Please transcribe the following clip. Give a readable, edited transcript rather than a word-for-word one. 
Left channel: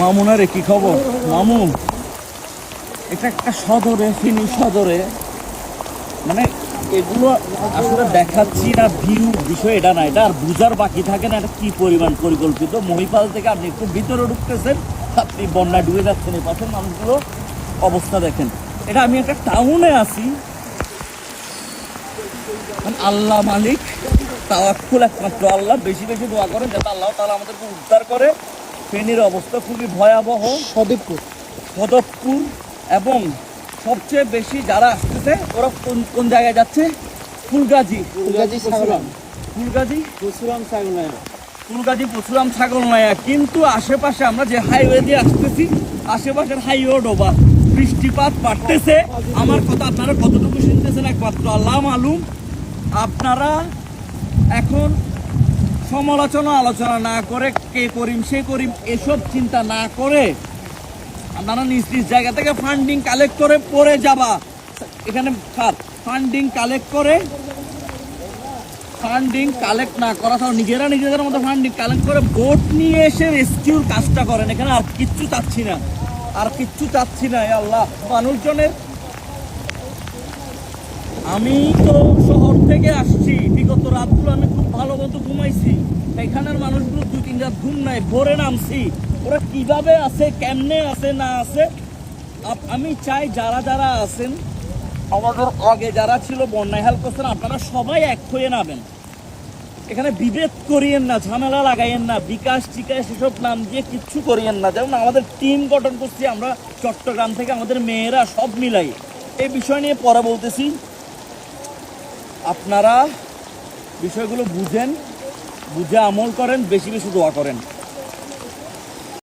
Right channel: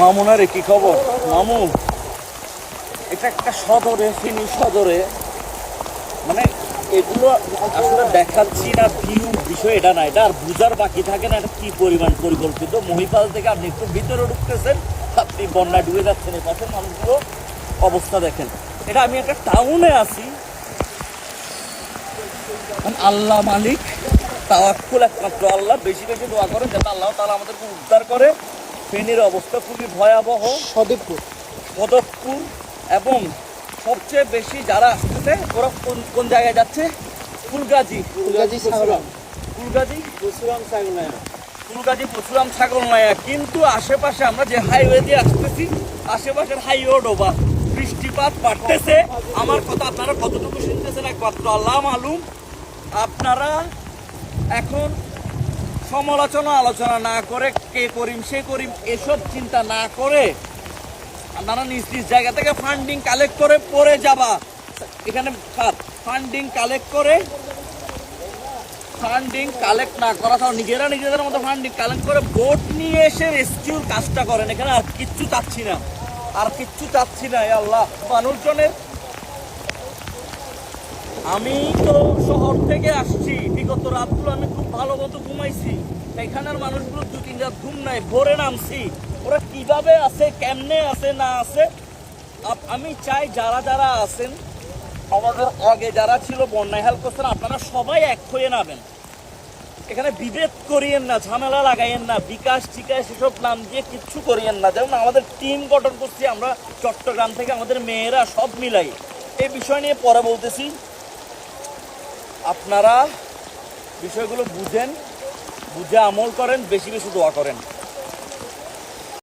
মামুনার কি খবর? মামুন এটা একটা সদরে, ফেনী সদরে, মানে এগুলো আসলে দেখাচ্ছি না ভিউ বিষয় এটা না, এটা আর বুঝার বাকি থাকে না এটা কি পরিমাণ পরিকল্পিত। মহিপাল থেকে আপনি একটু ভিতরে ঢুকতেছেন, আপনি বন্যায় ডুবে যাচ্ছেন, এই পাশের মানুষগুলো অবস্থা দেখেন। এটা আমি একটা টাউনে আছি, আল্লাহ মালিক, তাওয়াক্কুল একমাত্র আল্লাহ। বেশি বেশি দোয়া করেন যাতে আল্লাহ তাআলা আমাদেরকে উদ্ধার করে। ফেনীর অবস্থা খুবই ভয়াবহ। সদতপুর এবং সবচেয়ে বেশি যারা আসতেছে ওরা কোন জায়গায় যাচ্ছে? ফুলগাজী, পরশুরাম ছাগলনাইয়া। কিন্তু আশেপাশে আমরা যে হাইওয়ে দিয়ে আসতেছি, আশেপাশের হাইওয়ে ডোবা, বৃষ্টিপাত বাড়তেছে। আমার কথা আপনারা কতটুকু শুনতেছেন একমাত্র আল্লাহ মালুম। আপনারা এখন সমালোচনা আলোচনা না করে, কে করিম সে করিম এসব চিন্তা না করে আপনারা নিজ নিজ জায়গা থেকে ফান্ডিং কালেক্ট করে পরে যাবা। এখানে ফান্ডিং কালেক্ট না করা, তাও নিজেদের মতো ফান্ডিং কালেক্ট করে বোট নিয়ে এসে রেস্কিউর কাজটা করেন। এখানে আর কিচ্ছু চাচ্ছি না, আল্লাহ মানুষজনের। আমি তো শহর থেকে আসছি, বিগত রাতগুলো আমি খুব ভালো মতো ঘুমাইছি। এখানের মানুষগুলো 2-3 রাত ঘুম নাই, ভোরে নামছি। ওরা কিভাবে আছে, কেমনে আছে না আছে, আমি চাই যারা যারা আছেন, আমাদের আগে যারা ছিল বন্যায় হেল্প করছেন, আপনারা সবাই এক হয়ে নামেন। এখানে বিভেদ করিয়েন না, ঝামেলা লাগাইয়েন না, বিকাশ টিকাশ এসব নাম দিয়ে কিচ্ছু করিয়েন না। যেমন আমাদের টিম গঠন করছি আমরা চট্টগ্রাম থেকে, আমাদের মেয়েরা সব মিলাই। এই বিষয় নিয়ে পরে বলতেছি। আপনারা বিষয়গুলো বুঝেন, বুঝে আমল করেন, বেশি বেশি দোয়া করেন।